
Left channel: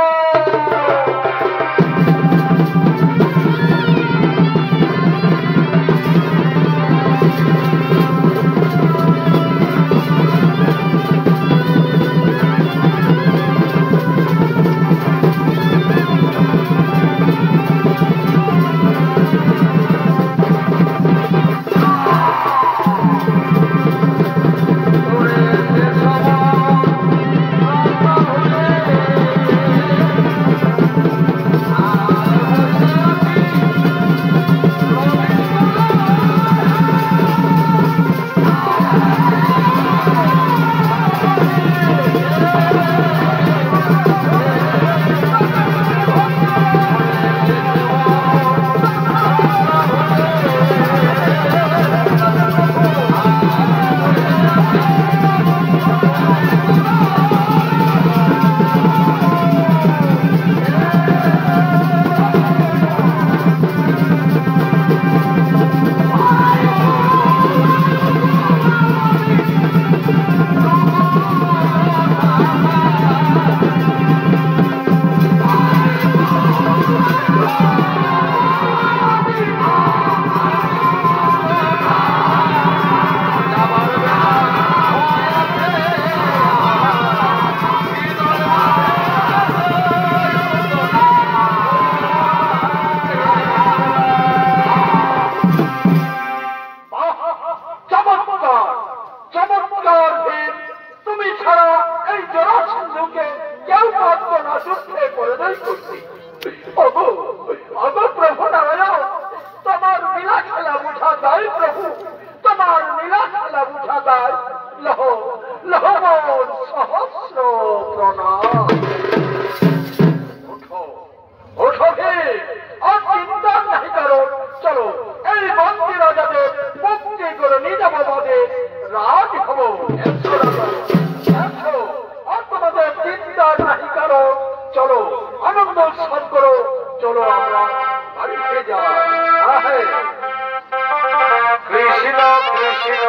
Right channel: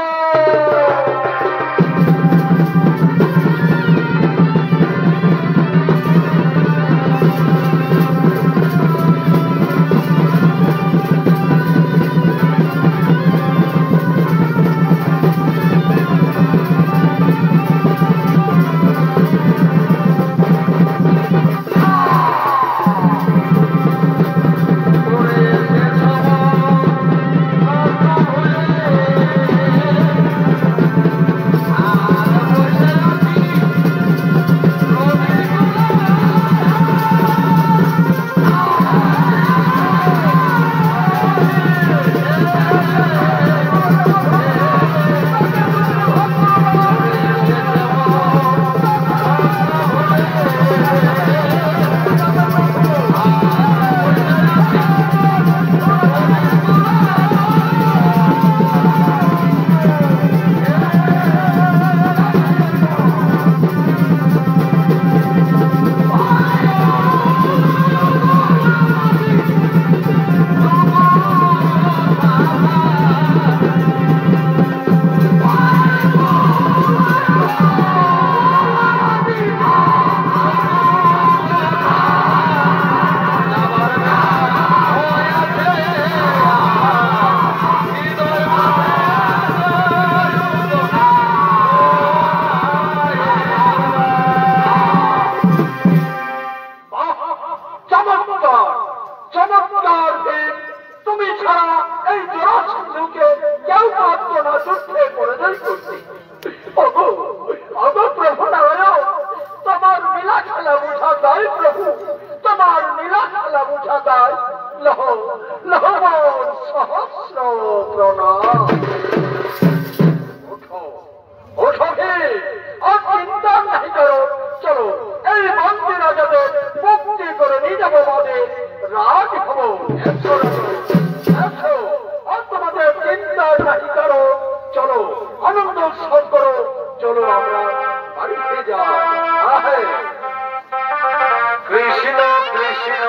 কৃষ্ণ কৃষ্ণ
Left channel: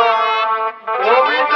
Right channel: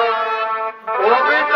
গোবিন্দ